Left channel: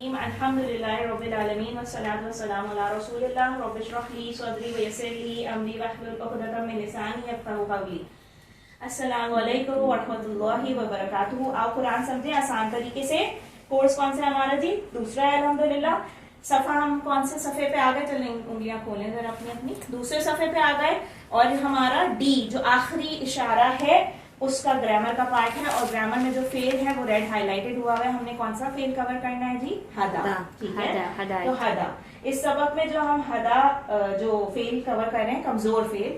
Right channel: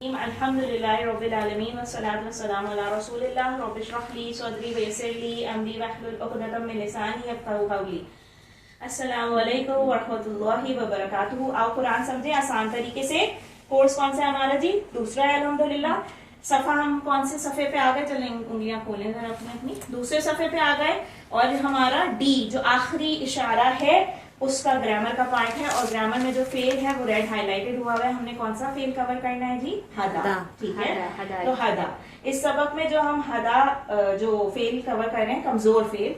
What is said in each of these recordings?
अल्हम्दुलिल्लाहि रब्बिल आलमीन वस्सलातु वस्सलामु अला रसूलिल्लाह रब्बिश रह ली सदरी वयस्सिर ली अमरी वहलुल उक़दतम मिन लिसानी यफ़क़हू क़ौली। अस्सलामु अलैकुम व रहमतुल्लाहि व बरकातुहू। आओ कुरान समझें आसान तरीके से। कोर्स कौन सा है हमारा जी? दूसरा है अल्हम्दुलिल्लाह। सफा हम कौन से सफे पे आ गए? चलें उंगलियां खोलें जरा अपनी अपनी। दूसरे सफे पे आ गए और हमारा डी जो आखिरी इशारा है उसका ग्रामर का पार्ट है और ग्रामर में जो फेल है वो रेड हाईलाइटेड हुआ है। हमने कौन सा फेल कवर करना है जी? हदा। ठीक है, तो हदा। इस सबक में जो हम हदा जो फेल कवर कर रहे हैं, कमजोर फेल,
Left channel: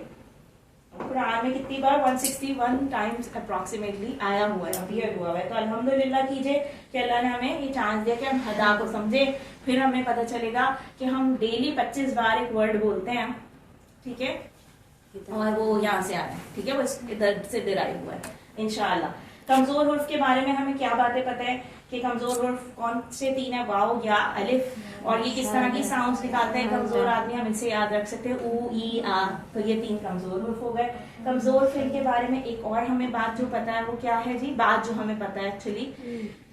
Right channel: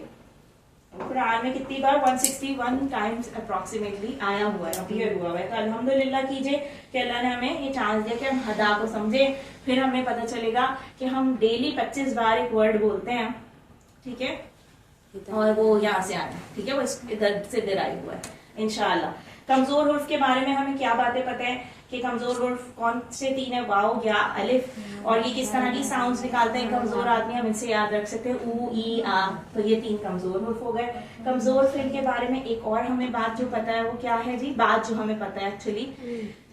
कुरान में कितनी बार 161 टाइम्स अप्रोक्सीमेटली आया हुआ है, अपीयर हुआ है। तो अल्हम्दुलिल्लाह कीजिए कि अल्लाह ने हमें ये चांस दिया कि हम हदा को समझे। फिर हमें पता चलेगा कि हम डेली 25 बार एक वर्ड बोलते हैं, ठीक है, और वो यहाँ से आ रहा है, ठीक है, वो इधर से डिराइव हुआ है इंशाअल्लाह। कमजोर हुर्फ के बारे में हमें क्या बातें पता है कि कमजोर हुर्फ कौन से तीन है? वाव, या, अलिफ, और ये किस तरह की साउंड्स निकालते हैं कमजोर आदमी, हम इनसे याद रख सकते हैं, ऊ, ई, आ। तो ये तीन कमजोर हुर्फ हो गए। कमजोर फेल के बारे में एक और हमें बात जो पता है वो क्या है जी? बात जो हमें पता है एक्चुअली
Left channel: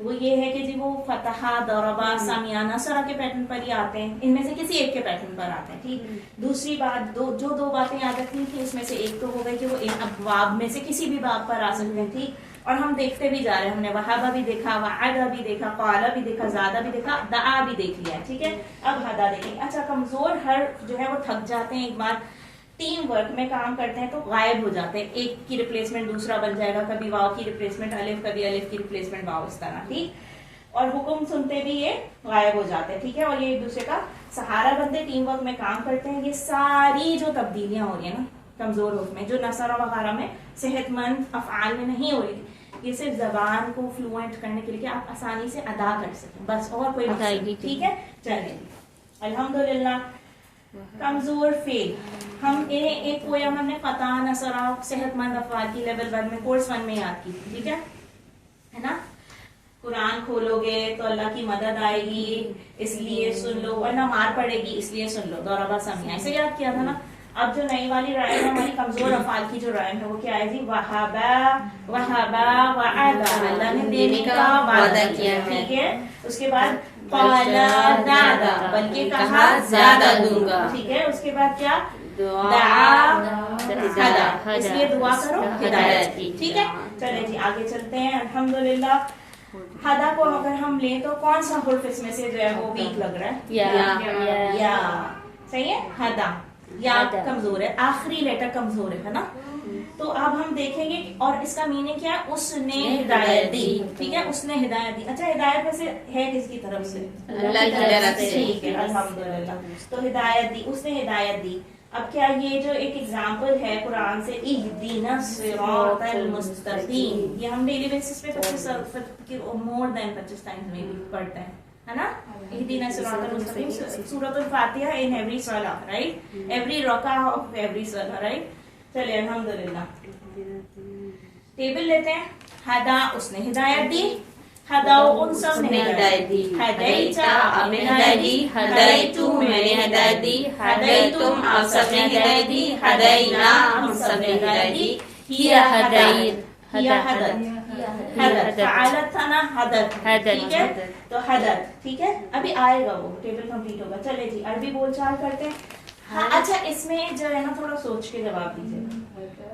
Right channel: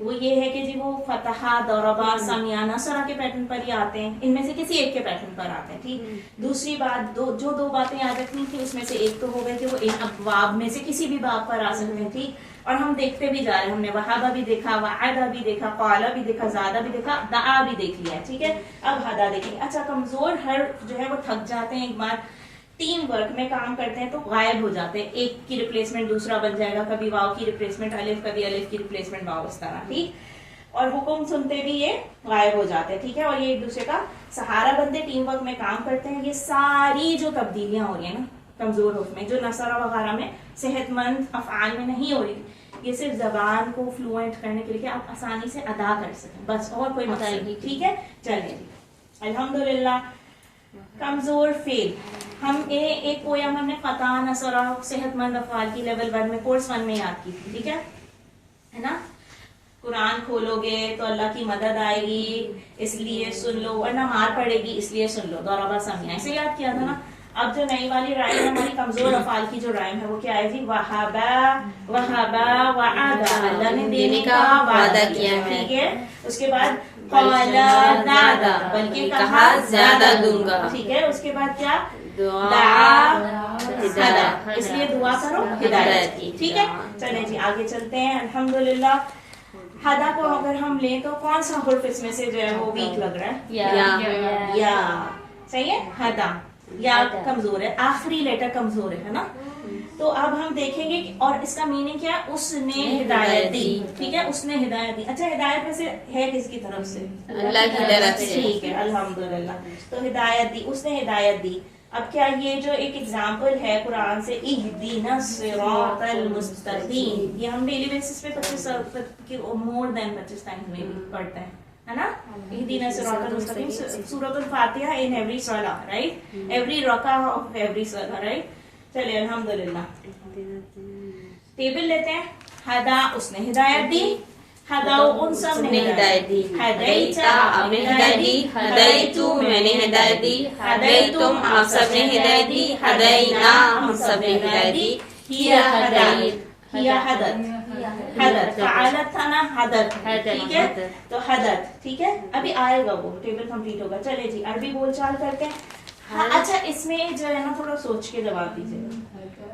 वो ये है कि जी वो फतहा, दौरबा, सामियाना सरा के पैटर्न पर ही आते हैं। इनमें से किसी एक के पैटर्न पर आते हैं, ठीक। दूसरी बात, दो बातें याद रखनी थी, उसमें से एक तो हो गई कि वो इन अबवाब में से किसी भी बाब पर आ सकते हैं, ठीक। और हम देखते भी जा रहे हैं, हमने वहाबा भी देखा, वादा भी देखा, काला भी देखा, ज्यादा भी देखा, दा भी देख लिया है, ठीक है। अब हदा देखेंगे। अच्छा, कमजोर हर जो है वो थक जाते हैं, एक बार टीम वर्क में काम करते हैं तो गायब हो जाते हैं। एक की रिप्लेसमेंट दूसरा बन जाएगा, कभी वाव की रिप्लेसमेंट अलिफ, कभी अलिफ की रिप्लेसमेंट वाव, इस तरह, ठीक। और हुक्म सुनते भी ये गायब हो जाते हैं, ठीक है। और ये एक दूसरे का सहारा बनते, टीम वर्क में काम करते हैं। ये सारी जो तब्दीलियां हो रही है ना कमजोर रूप में, जो नसरा वगैरह में सेहतमंद अफआल में नहीं हो रही, ये सिर्फ जबान को फ्लुएंट करने के लिए कि आप आसानी से अदा कर सकें, बस, और कोई मकसद नहीं, ठीक है। चलिए अल्हम्दुलिल्लाह। कमजोर फेल, हम एक पोयम हमने फतह, नसरा, सेहतमंद अफआल की लेवल 1 में, कोर्स 1 में याद की, ठीक है ना। कुरान खोलोगे तो अल्लाह की मदद आएगी, इसलिए सुन लो, वरना मार पड़ेगी, इसलिए सुन लो, दौराबा समिया, इसे याद किया था ना। अब जो नई वाली राइम है हमारी कमजोर अफाल की जो राइम है वो क्या है जी? वहाबा, वहाबा, वादा, अल्लाह ने देने का वादा किया है, ठीक है। उसके बाद काला दादा, बल्कि कहा ज्यादा दूंगा, ठीक है। उसके बाद क्या? हदा, इसलिए दुआ करो हिदायत की, ठीक है। चले जी आगे चलते हैं। अल्हम्दुलिल्लाह। हदा को अगर हम लें तो कौन सा हुर्फ इसमें से जो है वो वीक लग रहा है? या। सही है, हदा या कमजोर है, आखिरी लेटर कमजोर है ना। तो अब हम देखेंगे और इसका मीनिंग क्या है? उसने हिदायत दी, ठीक है, उसने हिदायत दी। अच्छा, हिदायत में से है किसकी तरफ से? अल्लाह की तरफ से, ठीक है, अल्हम्दुलिल्लाह। तो हिदायत दी, उसने हिदायत दी। अब क्या ये जो एक एग्जाम्पल है कुरान से, इहदिना सिरातल मुस्तकीम, ये हम डेली बेसिस पे 25 मोर देन 25 टाइम्स में भी पढ़ते हैं, है ना। इहदिना सिरातल मुस्तकीम, सूरतुल फातिहा इन एवरी सलाह, राइट, एवरी रका ऑफ एवरी सलाह, राइट। चलिए अल्हम्दुलिल्लाह। टेबल लेते हैं। हदा, उसने हिदायत दी, हदाओ, उन सब ने हिदायत दी, हदैता, आपने हिदायत दी, हदैतु, मैंने हिदायत दी, हदैतुम, आप सब ने हिदायत दी, हदैना, हम सब ने हिदायत दी, हिया हदैत, हिया हदत, हदत, फ़अलत था ना, हदत, ठीक है। तो हदत, ठीक है, अभी आएगा वो, टेबल कंप्लीट होगा। चले जी अरबी बोलचाल करते हैं। हाँ, अच्छा, इसमें जो है ना थोड़ा सोच के जवाब दीजिए।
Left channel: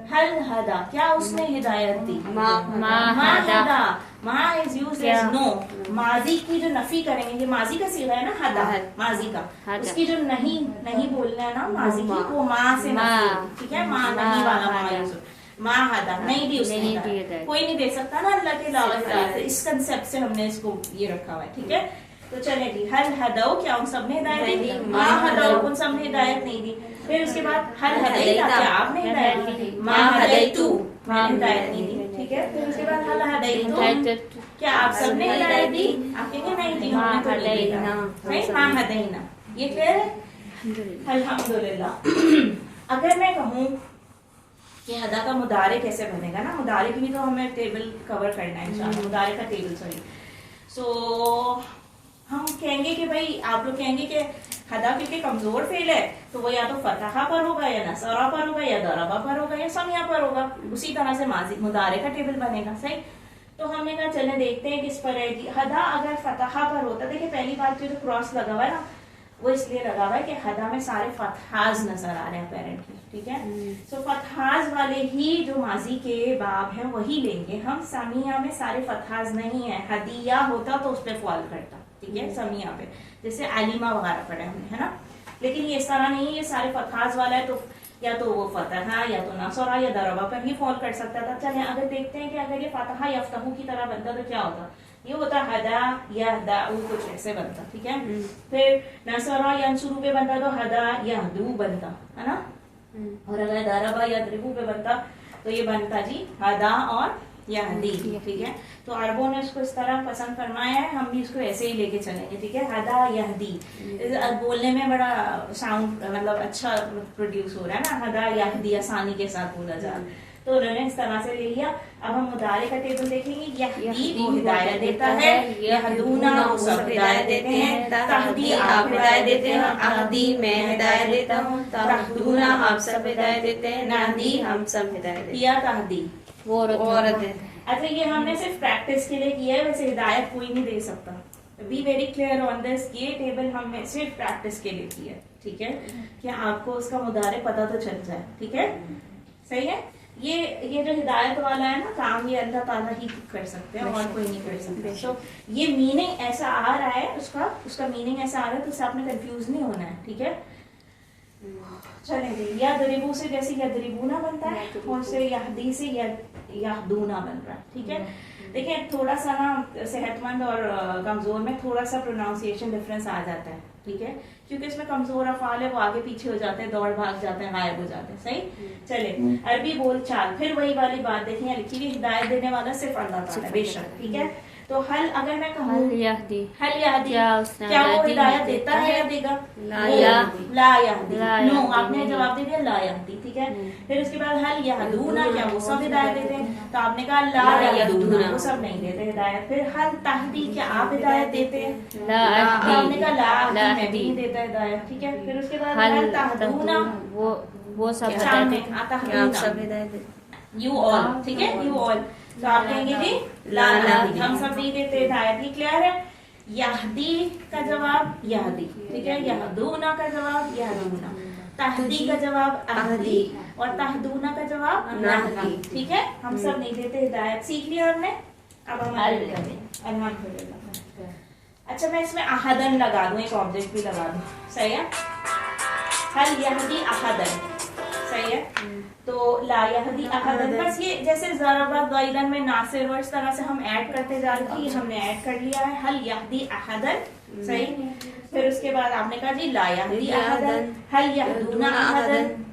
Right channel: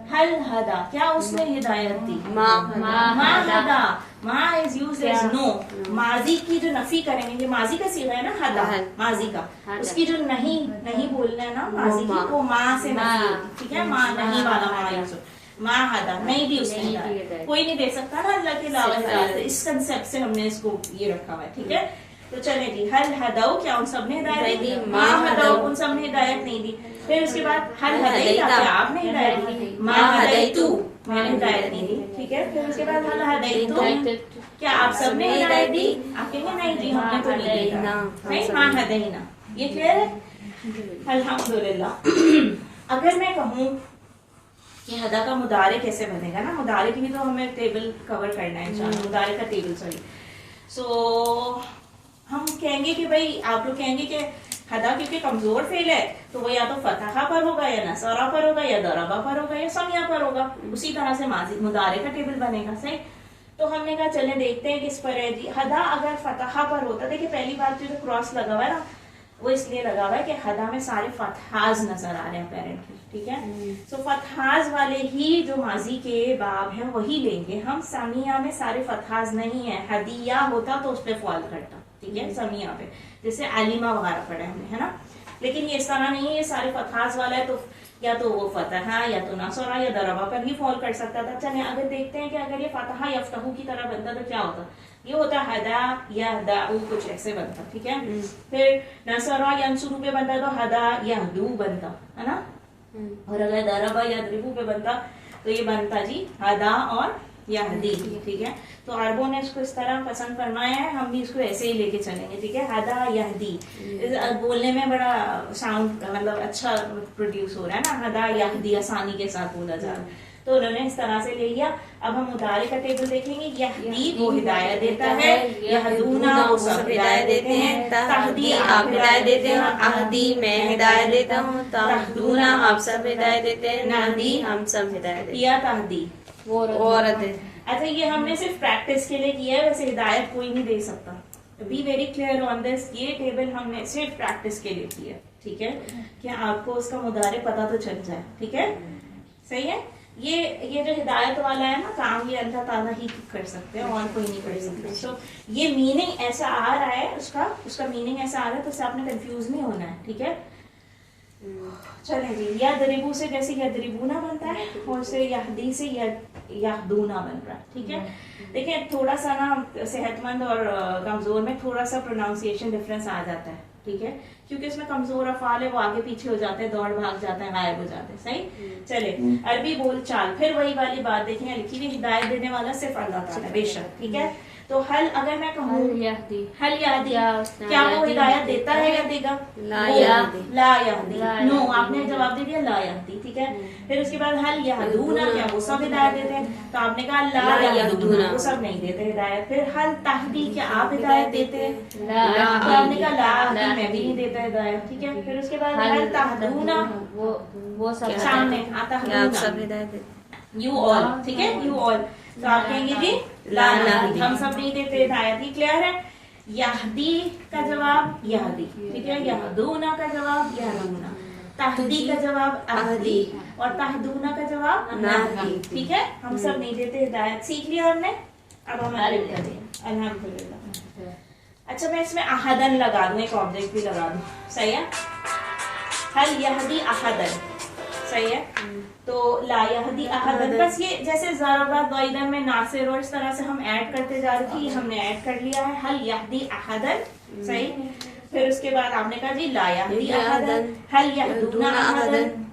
हल हदा, क्या उसने हिदायत दी? मा हदा, मा इज यूज्ड एज नो। माजी की जो नफी करेंगे, ये माजी का सीगा है ना, हदा माजी का, उसकी जो नहीं बोलना है ना माजी की, वो माँ से नफी होगी, ठीक है। माँ नहीं वाला माँ हदा, नहीं दी उसने, कोई नहीं दे सकता ना अल्लाह के अलावा। इस कंसेप्ट से हमने इसको ये रखा हुआ है, ठीक है। तो चले जी, हल हदाओ, क्या उन सब ने हिदायत दी? माँ हदाओ, उन सब ने हिदायत नहीं दी। फिर उसके बाद हल हदैता, क्या आपने हिदायत दी? माँ हदैतु, मैंने हिदायत नहीं दी, ठीक है। फिर उसके बाद हल हदैतु, क्या आप सब ने हिदायत दी? आप कहेंगे नहीं दी, हमने तो नहीं दी, माँ हदैना। ये क्लियर है? अल्हम्दुलिल्लाह। अगर मैं कहूँ कि हदा का मुदारे कैसे बनेगा ना, मुदारे की भी तो हमें टेबल कवर करना है इंशाल्लाह, मुदारे का टेबल, सॉरी। सो हम कहेंगे कि भाई, आप लोग कहेंगे कि हदा क्योंकि कमजोर फेल है तो वो या तो फतहा पर होगा, या नसरा पर होगा, या दरबा पर होगा, या समिया पर होगा। उसी तरह से माजी मुदारे का टेबल बनेगा, सही। तो हमने कहा चले देखते हैं किस पर है जी। हदा अगर फतहा पर होता, देखिए पहली बात जो क्रॉस लगा हुआ है ना, वो इसलिए लगा हुआ है कि हदा में सारे फतहाज नजर आ रहे हैं अपेरेंटली, ठीक है। सो फतहाज वाले ही जो माजी के बाब हैं वही लेंगे हम। समिया में सारे फतहाज नहीं है, हदिया होता तो उस पर फॉल करता, ठीक है, समिया पे, जैसे अलीमा वगैरह पढ़े हमने, है ना। लेकिन ये इस तरह नहीं है, ये सारे फतहाज वाला है, तो या तो वो फतहा या तो नसरा या दरबा पर ही फॉल कर सकता था। चलिए अगर देखते हैं कि अगर ये फतहा यफ्तहू की तरह बनता तो क्या होता, ये होता हदा या दाऊ, कुछ ऐसे बनता, ठीक है। फिर नसरा या अंसुरू पे बनता तो हदा या दू बनता, है ना। और अगर दरबा या द्रिबू पे बनता तो ये बनता जी हदा और यहदी, ठीक है। तो अरबों ने इसको इस तरह पसंद फरमाया है, हम भी इसको ऐसे ही लेके चलेंगे, ठीक है। हदा यहदी बोलने में बड़ा साउंड मतलब अच्छा प्रोड्यूस हो रहा है ना, हदा यहदी आसानी के साथ बोला जा रहा है, तो उन्होंने इस तरह से ले लिया। अब हम मुदारे का टेबल देखेंगे। यहदी वो हिदायत देता है, यहदूना वो सब हिदायत देते हैं, तहदी आप हिदायत देते हैं, अहदी मैं हिदायत देता हूँ, तहदूना आप सब हिदायत देते हैं, नहदी हम सब हिदायत देते हैं। या तहदी वो औरत है। अच्छा ये हमने सिर्फ प्रैक्टिस के लिए किया है, वैसे हिदायत कोई नहीं दे सकता। Be very clear on this, ये टेबल हमने सिर्फ प्रैक्टिस के लिए किया, ठीक है, कि आपको उसका मुदारे पता तो चल जाए, ठीक है, सही है। ये जो हिदायत वाला है ना काम, ये अल्लाह ताला ही कर सकते हैं और कोई नहीं कर सकते। तो ये मीनिंग ऐसा आ रहा है, उसका मीनिंग ऐसा आ रहा है, तो उससे आपने कंफ्यूज नहीं होना है, ठीक है। चलें जी, या दरिबू से जैसे या दरिबूना बनता है, और से यहदी से यहदूना बन रहा है, ठीक है। देखिए थोड़ा सा ना सेहतमंद और कमजोर में थोड़ा सा प्रोनाउंसिएशन डिफरेंस आ जाता है, ठीक है, क्योंकि इसमें कमजोर अफाल है, वो आगे पीछे हो जाते हैं, दौड़ भाग जाते हैं, गायब हो जाते हैं, सही। चले अरबी बोल चाल, फिर वही वाली बात देखें, लिखी हुई हिदायत देने वाला सिर्फ अल्लाह ताला है, बेशक, ठीक है। तो हल अगर मैं कहूँ हल यहदी, क्या वो हिदायत देता है या देगा? ला यहदी, नो, आपने जवाब दे दिया ला यहदी, ठीक है। फिर उसके बाद हल यहदूना, क्या वो सब हिदायत देते हैं? तो आपने कहा ला यहदूना, वो सब नहीं देते हिदायत। फिर हल तहदी, क्या आप हिदायत देते हैं? तो आपने कहा ला, मैं भी नहीं देता हिदायत, ठीक है। फिर उसके बाद हल तहदूना, वो सब सामने आता है, सब हिदायत, यू ऑल, ठीक है, यू ऑल। तो आप कहेंगे जी ला नहीं, हम सब नहीं देते हिदायत, ही क्लियर है। यहदी का जवाब यहदी, ठीक है, यहदूना का जवाब यहदूना, तहदी का जवाब अहदी, और तहदूना का जवाब नहदी, ठीक है। हम सब नहीं देते हिदायत, सीख लिया हमने। अब हम आगे करते हैं, अल्हम्दुलिल्लाह। अच्छा मैं इसमें अहदन लगा दूं, एक ऑब्जेक्ट भी लगा दूं, सही है। हल यहदी अहदन, सही है। तो ला यहदी अहदन, बस ये जैसे ज़रबा ज़ैदन में नासिर और इस तरह से हम ऐड करते जा रहे थे, हमने ऐड कर लिया है। हल यहदी अहदन, सही। फिर उसके बाद आपने कहा जी ला यहदी अहदन, हल यहदूना अहदन,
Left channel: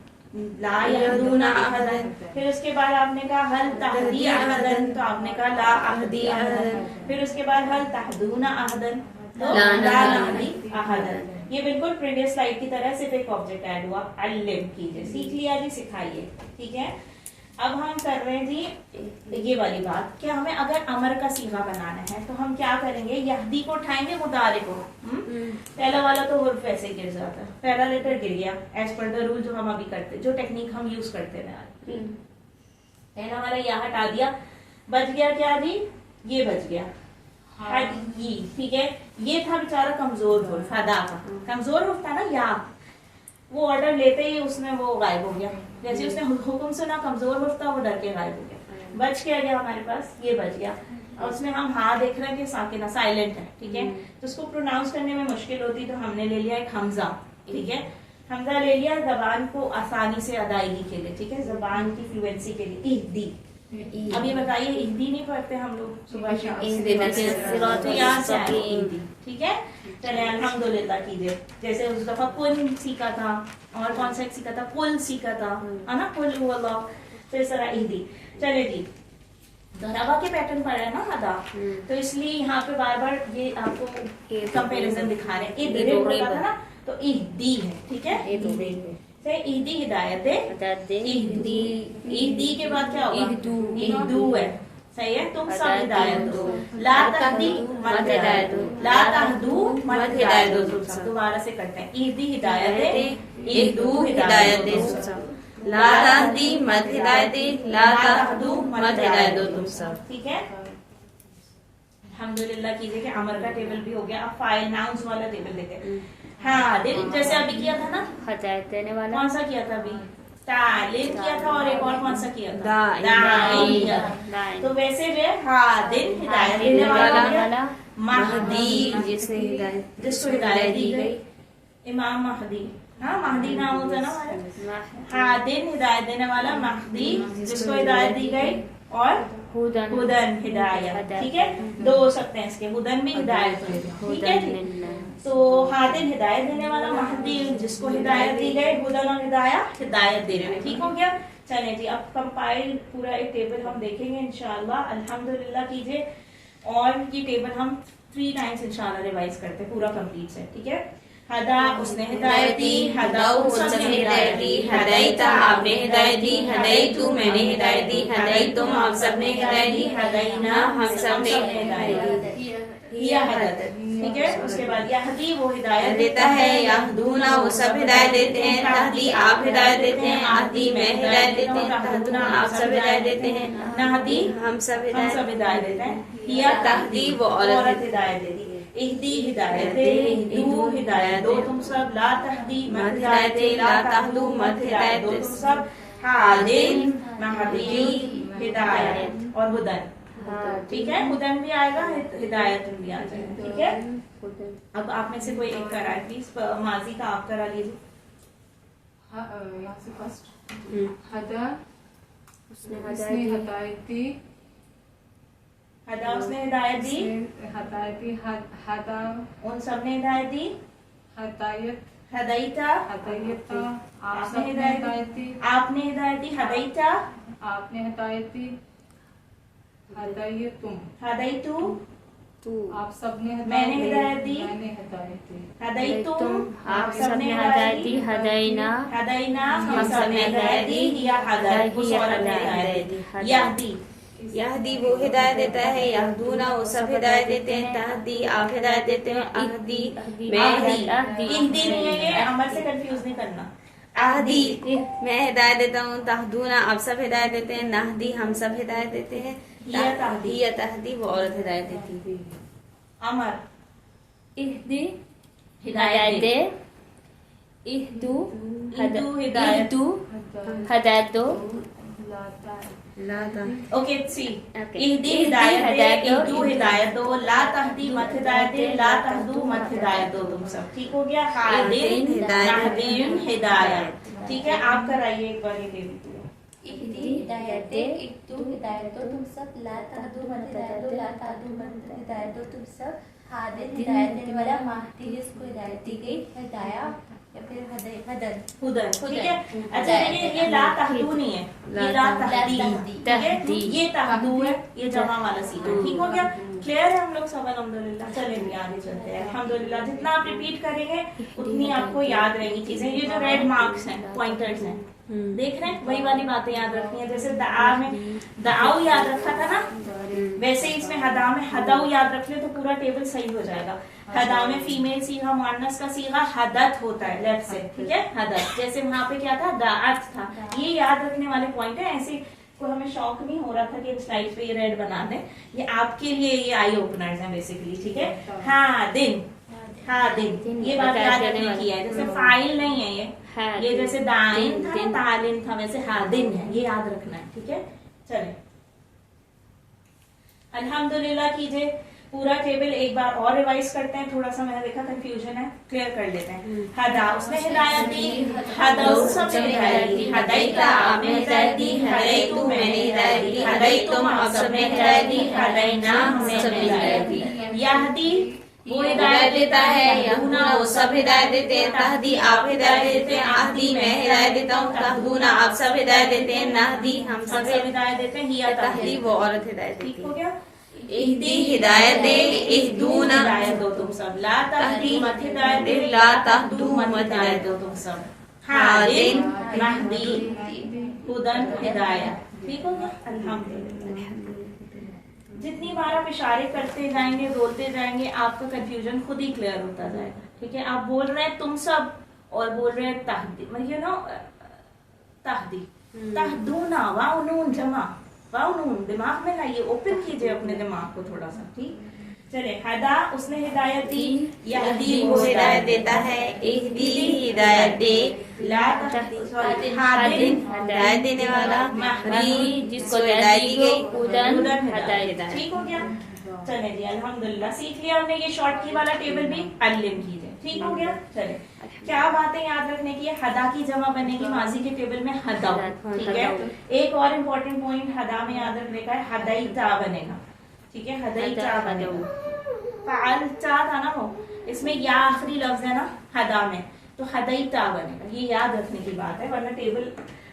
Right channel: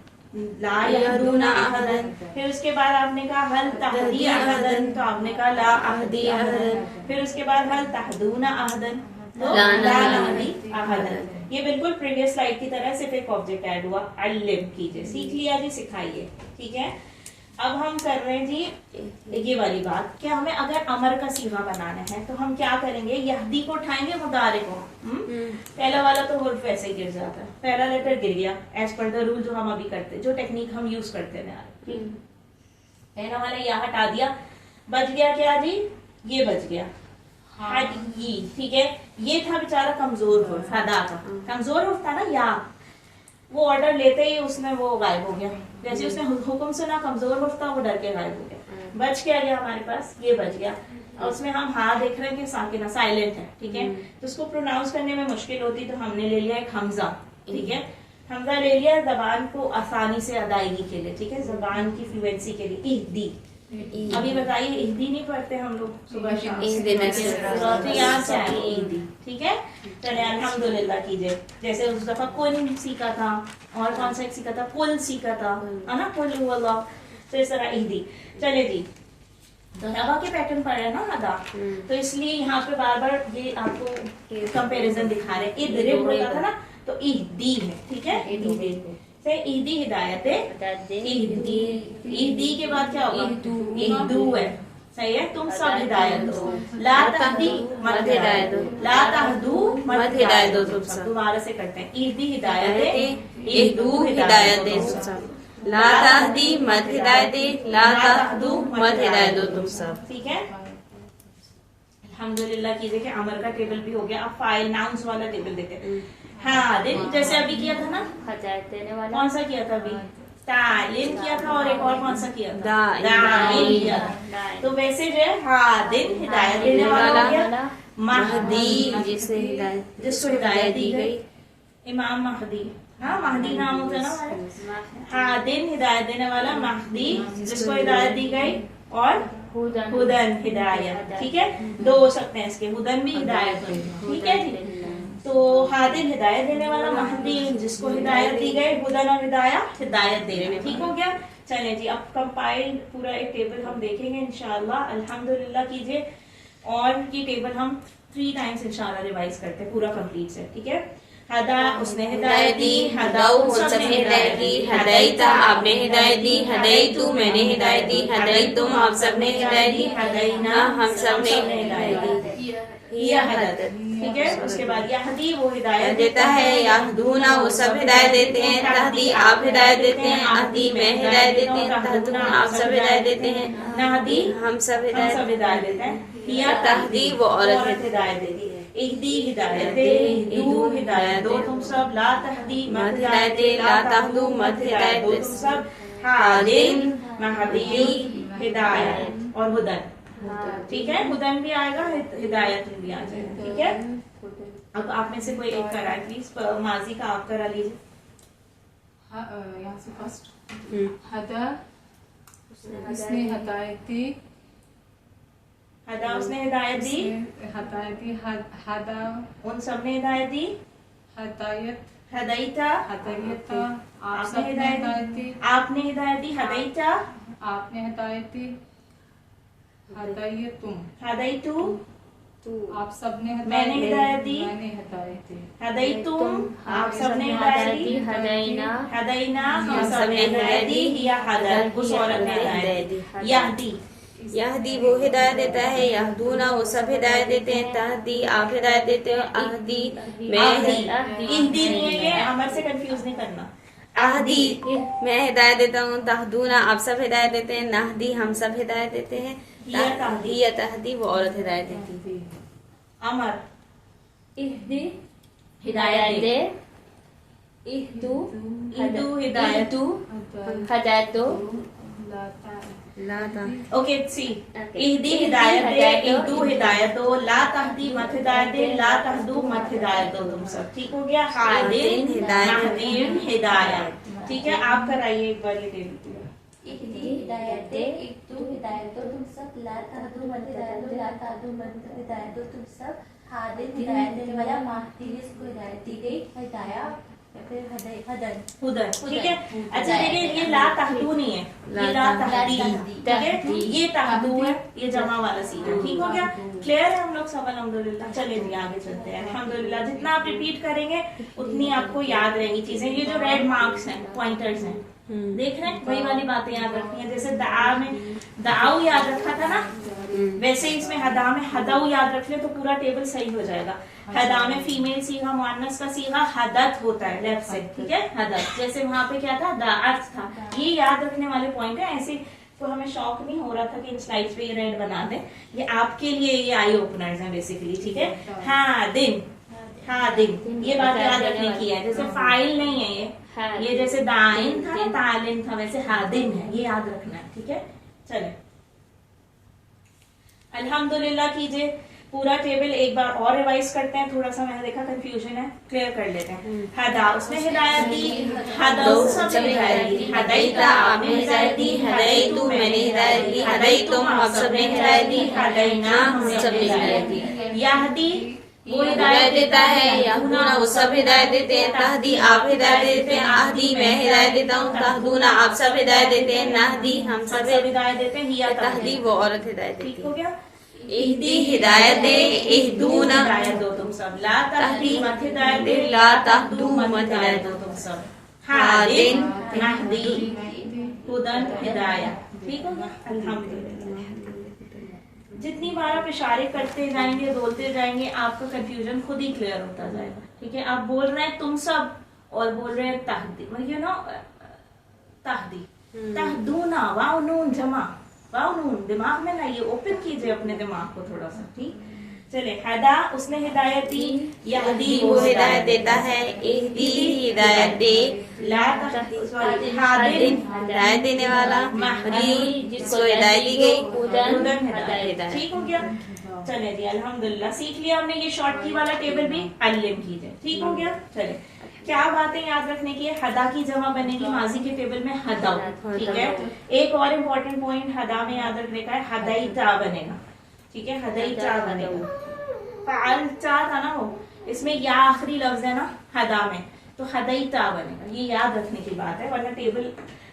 ला यहदूना अहदन। फिर उसके बाद आपने कहा हल तहदी अहदन, तो आपने कहा ला अहदी अहदन। फिर उसके बाद हल तहदूना अहदन, तो ला नहदी अहदन। ये बिल्कुल प्रीवियस स्लाइड की तरह सिर्फ एक ऑब्जेक्ट ऐड हुआ। अल्लिम कीजिए, सीख लिया जी, सिखाइए, ठीक है। अब हम कर रहे हैं जी ये वाली बात, कि हमें अगर अमर का सीगा बनाना है तो हम क्या करेंगे, यहदी को उठाएंगे, मुदारे को। पहला वाला तो हुर्फ वैसे गिर जाता है, पहला लेटर गिर गया एज पर द रूल जो हम अभी करते, जो टेक्निक हम यूज करते रहे। पहला वाला या हटा दिया, बच गया क्या जी, ये बच गया हदी, ठीक है। ये था बेचारा कमजोर हुर्फ, हदा का कमजोर हुर्फ था ना, या वो ऑर्डर लेते ही उसमें वो गायब हो गया, जैसे उसने हुक्म सुना, कमजोर हुर्फ था, वो डर के गायब हो गया। बच क्या गया हमारे पास, ये बच गया, और उसमें हम हाँ देख रहे हैं कि साकिना साइलेंट है, ठीक है। तो उसको प्रोनाउंस करने में मुश्किल होती, तो हमने ले लिया एक हमजा, ठीक है, हमजा ले लिया जबान को आसानी से अदायगी के लिए, ठीक है, जबान की फ्लुएंसी के लिए। इहदी, अभी बताइए इहदी नहीं पढ़ते हम लोग सुबह शाम, तो यहाँ से आए इहदी, ठीक है। चले अल्हम्दुलिल्लाह कीजिए, जैसे उस दफा कुल सीखा था, और कौन सा सीखा था, कुल सीखा था, है ना, कुल हुवल्लाह, तो इस तरह इहदी। चले जी, दरबा के पैटर्न पर है ना अदा, तो इसलिए यहाँ पे बार बार ये आपको कंपैरिजन दिखा रहे हैं। इदरिब होता था ना, तो इहदी है, ठीक है, इहदी हिदायत है, इहदी के बाद क्या होगा, इहदू है, सही है। तुम सब हिदायत दो, ला तहदी मत हिदायत दो, ला तहदू मत हिदायत दो, तुम सब। दोबारा से करते हैं, इहदी हिदायत है, इहदू हिदायत दे, ला तहदी मत हिदायत दे, ला तहदू मत हिदायत दो, तुम सब, ठीक है। अल्हम्दुलिल्लाह कीजिए कि अमर का टेबल भी हो गया। अब फाइल नाउन्स वाला टेबल देते हैं। हाँ दिन, जैसे अभी किया था ना, हिदायत देने वाला। कौन सा किया था अभी? तालिम किया था, और एक और कौन सा किया था? दाइन किया था। तो वैसे जो है हाँ दिन हिदायत देने वाला हो गया। महदी जिसको हिदायत दी गई, इमाम महदी। हाँ महदी नाम होता है ना हमारा। हाँ दिन हिदायत देने वाला, महदी जिसको हिदायत दी गई, और हुदन हिदायत। ठीक है, दो हो सकते हैं इसके, हुदन भी हिदायत होगी। ठीक है जी। तो हादिन हिदायत देने वाला, महदी जिसको हिदायत दी गई, हुदन और हिदायत देने में। ठीक हो गया। चलिए जी, अब कंपाइल्ड पूरा एक टेबल हम देखेंगे इंशाल्लाह। अल्हम्दुलिल्लाह कीजिए। और की टेबल हम 3 टाइम्स इंशाल्लाह रिवाइज करते हैं, पूरा कंप्लीट से। ठीक है। हदा उसने हिदायत दी, हदाऊ सबने हिदायत दी, हदायता आपने हिदायत दी, हदायतू मैंने हिदायत दी, हदायतुम आप सबने हिदायत दी, हदायना हम सबने हिदायत दी। यह हदायत। ठीक है। उसके बाद यहदी वो हिदायत देता है, यहदूना वो सब हिदायत देते हैं, तहदी आप हिदायत देते हैं, अहदी मैं हिदायत देते हैं, तहदूना आप सब हिदायत देते हैं, नहदी हम सब हिदायत देते हैं, या तहदी वो औरत हिदायत देती है। इहदी हिदायत दे, इहदू हिदायत दो तुम सब, ला तहदी मत हिदायत दे, ला तहदू मत हिदायत दो तुम सब, हादिन महदी हिदायत और हुदन। ठीक है, हुदन भी आएगा, हिदायत भी आ जाएगा। ठीक है। अब आप में से कोई एक करा है प्लीज, माजी का आप करा लीजिए। यहाँ से फर्स्ट हदा उसने हिदायत दी, हदा उसने हिदायत दी, हिदायत दी, हदा उन सब ने हिदायत दी, हिदायत हदैता हिदायता आपने हिदायत दी, आपने हिदायत दी, हदैता आपने हिदायत दी, हिदायतुम हदैतु आप सबने मैंने हिदायत दी, मैंने हिदायत दी, हदैतुम आप सबने हिदायत दी, हदैना हम सबने हिदायत दी, या हदत उस औरत ने हिदायत दी, यहदी यहदी वो हिदायत देता है, यहदूना वो सब हिदायत देते हैं, तहदी आप हिदायत देते हैं, अहदी मैं इहदी नहीं है, ये अमर से कंफ्यूज नहीं करना। अहदी मैं हिदायत देता हूँ, तहदूना आप सब हिदायत देते हैं, नहदी हम सब हिदायत देते हैं, या तहदी वो औरत हिदायत देती है। अमर इहदी हिदायत दे, इहदू इहदू हिदायत हिदायत दो, ओके सी इहदी हिदायत दे, इहदू हिदायत दो, ला तहदी मत हिदायत दे, ला तहदू मत हिदायत दो तुम सब। ठीक हो गया। हादिन हिदायत हिदायत। ठीक है, आप कराइए एक बार ये टेबल। इहदी हिदायत दे, इहदू हिदायत दो तुम सब, ला तहदू मत हिदायत दो, ला तहदू मत हिदायत दो तुम सब, हादिन हिदायत देने वाला, महदी जिसको हिदायत दी गई, हिदाया या फिर हदन हुदन। ठीक है। अच्छा देखिए, ये ला तहदू नहीं है, ये ला तहदी। ठीक है, ये तहदू है, ये जमा वाला सीधा। ठीक हो गया। क्लियर है हम लोग सब? अल्हम्दुलिल्लाह। चलिए आगे चलते हैं। अल्हम्दुलिल्लाह जितना आप रिपीट करेंगे उतनी आपको याद रहेंगी चीजें। ये जो रेड मार्क्स हैं, पॉइंटर्स हैं, देख रहे हैं, वही वाली बातें याद रखनी है। जैसे दआ में दआऊ याद रखा था ना, वैसे इसमें हदा में हदाऊ याद रख ले तो पूरा टेबल सही हो जाएगा। हदा में फीमेल सीगा, मुअन्नस का सीगा हदत होता है लेफ्ट से। ठीक है, हदत। जैसे वहां पे क्या था, दाअत था। ये याद रखने वाले पॉइंट है। ऐसे को हमें शौक नहीं हो रहा था कि स्लाइड्स पे ये रेड बना दें, ये आपके लिए ये आई ओपनर्स हैं बेसिकली। ठीक है। हाँ दिन, हाँ दिन, ये बात याद रखने की है। जैसे फाइल नहीं है ये जैसे दाइन था, तालिन था, वैसे हादिन है, ये याद रखना है। ठीक है। चलिए अल्हम्दुलिल्लाह कीजिए। पूरा टेबल एक बार और रिवाइज करते हैं। थोड़ा सा मैंने देखा कंफ्यूजन है, क्लियर कर लेते हैं। हदा उसने हिदायत दी, हदाऊ सबने हिदायत दी, हदैता आपने हिदायत दी, हदैतु मैंने हिदायत दी, हदैतुम आप सबने हिदायत दी, हदैना हम सबने हिदायत दी। यहदी वो हिदायत देता है, यहूना वो सब हिदायत देते हैं, तहदी आप हिदायत देते हैं, अहदी मैं हिदायत देता हूँ, तहदूना आप सब हिदायत देते हैं, नहदी हम सब हिदायत देते हैं, या तहदी वो औरत हिदायत देती है। ठीक हो गया। इहदी हिदायत दे, इहदूना हिदायत दो तुम सब, ला तहदी मत हिदायत दे, ला तहदू मत हिदायत दो तुम सब, हादिन महदी हुदन हिदायत। ठीक हो गया। अल्हम्दुलिल्लाह। जितनी बार आप इशारे करते जाएंगे, बोलते जाएंगे, आपका कंफ्यूजन खुद ही क्लियर होता जाएगा। ठीक है। आप बोल रहे हैं तुम सब और बोल रहे हैं तहदी, यू नो तहदी, तहदूना, वाव नून जमा, वाव नून दिमाग में लाइए, ओपन कीजिए अपने दिमाग को थोड़ा सा। ठीक। चले, हदा उसने हिदायत दी, यहदी वो हिदायत देता है, इहदी हिदायत दे, ला हादिन हादिन हिदायत देने वाला, महदी जिसको हिदायत दी गई, हुदन हिदायत। ठीक हो गया। चले जी अल्हम्दुलिल्लाह सीख लिया हमने। ये शॉर्ट की वाला टेबल भी अल्लिम कीजिए। ठीक हो गया। चले, क्या बातें याद रखने की है? हदा की जमा बनेगी माजी के टेबल में हदाउ। ठीक है। एक और इम्पोर्टेंट पॉइंट हदा में याद रखने का है, हदाईता बनेगा। ठीक है, हदाईता बनेगा। फालता था ना वो, इसमें या आखिरी लफ्ज है ना हदा में, तो हदाईता बनेगा। ये याद रखने की बात है, वरना टेबल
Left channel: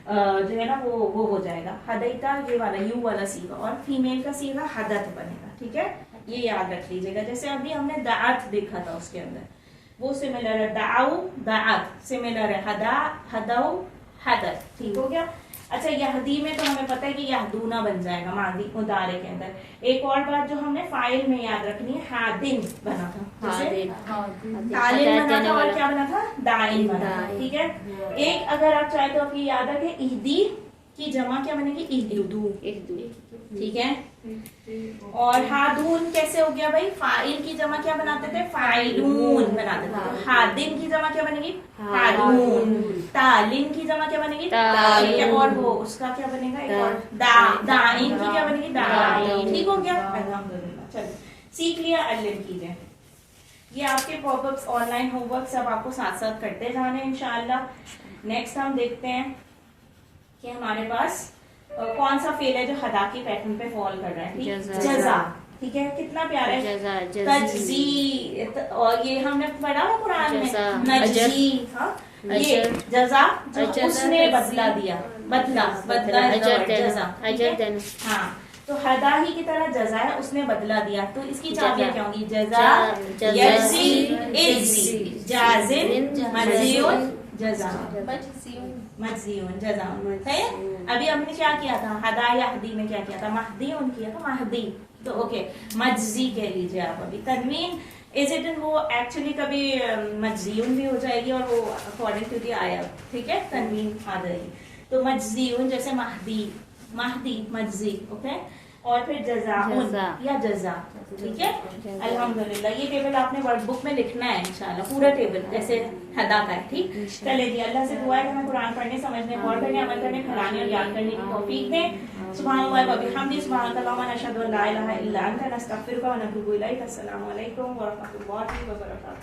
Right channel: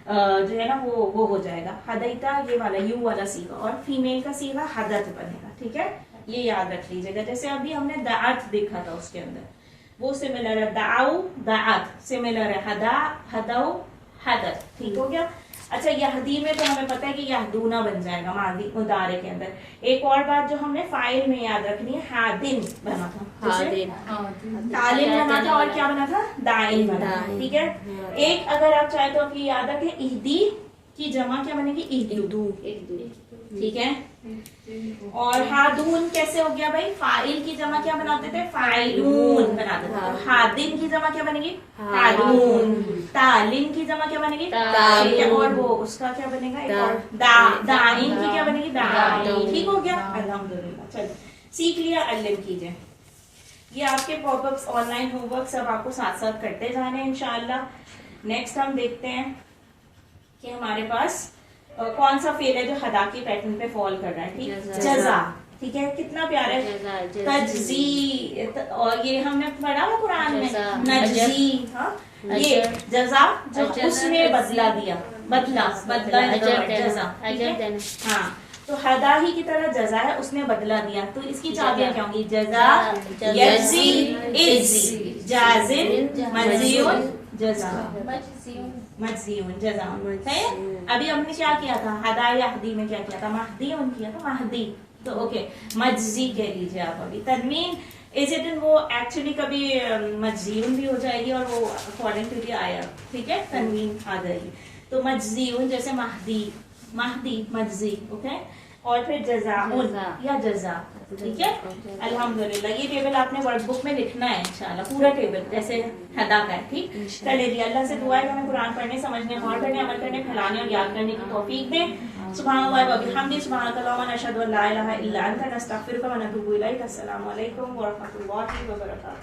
जो है ना वो हो जाएगा। हदाईता ये वाला यू वाला सीगा, और फीमेल का सीगा हदत बनेगा। ठीक है, ये याद रख लीजिएगा। जैसे अभी हमने दाअत देखा था, उसके अंदर वो सिमिलर है, दाऊ दाअत सिमिलर है, हदा हदाऊ हदत। ठीक हो गया। अच्छा, यहदी में तो हमें पता है कि यहदूना बन जाएगा मादी मुदारे के अंदर। एक और बात जो हमने फाइल में याद रखनी है, हादिन बना था, जैसे तालिन बना था, और क्या बना था? दाइन बना था। ठीक है। एक अगर आप चाहे तो आपकी याद रखें, इहदी की जमा क्या बनेगी? इहदू। ठीक है। और हादून कैसे हो गया भाई? फाइल की जमा क्या बनाते थे? फाइलून बनाते थे। तो हादिन की जमा क्या बनेगी? हादून। तालिन की जमा क्या बनेगी? तालिन। और वो उसका क्या बनेगा? एक और दाइन की क्या बनेगी? दाइन। ठीक हो गया। अल्हम्दुलिल्लाह। चलिए, सीख लिया, अल्लिम कीजिए। ये आपके पॉपअप्स ऑनलाइन होमवर्क सब आपको साथ साथ करते जाने हैं इंशाअल्लाह। नेक्स्ट हम देखते हैं कि हमारे पास कौन सा फेल है जो हदा की पैटर्न पे फॉल कर रहा है। ठीक, जजा। ठीक है, कितना प्यारा है, तजजी। और ये हमने पढ़ा है कुरान में, नजजी। हाँ, ये जजा जो उसने बदला दिया, बदला जजा। हाँ, तो हदा ही की तरह जजा है, उसने बदला दिया। तो इसकी चाबियां क्या होंगी? जजा, यजी, इजी, जाजिम, मजीउन, जजा, मजजीउन, जजा। सही। अभी हमने क्या किया था? हदा या हदी में क्या किया था? महदीउन किया था, महदी। तो ओके, मजजी कह लीजिए आप। अभी तनवीन इजिटन वो एक्चुअली कभी मजजीउन भी हो जाएगी, और वो अकॉर्डिंग टू दी आया। ठीक है, तनवीन आ जाएगी। तो मजजीउन जैसे महदी, महदी मजजी। ओके, और फिर जजाउन या जजा। ठीक है। अल्हम्दुलिल्लाह, ये टेबल आपने वर्कबुक में लिखना है इंशाल्लाह, पूरा टेबल जैसे हदा का है। ठीक, चलिए जी, अल्लाह से दुआ है कि हमें कुरान पढ़ने, समझने, गौर करने, अमल करने, फैलाने और याद करने की तौफीक दें। सुभानअल्लाह व बिहम्दिही, सुभानकल्लाहुम्मा, नशहदु अन ला इलाहा इल्ला अंता, नस्तगफिरुका व नतूबु इलैक। अस्सलामु अलैकुम व रहमतुल्लाहि व बरकातुहू।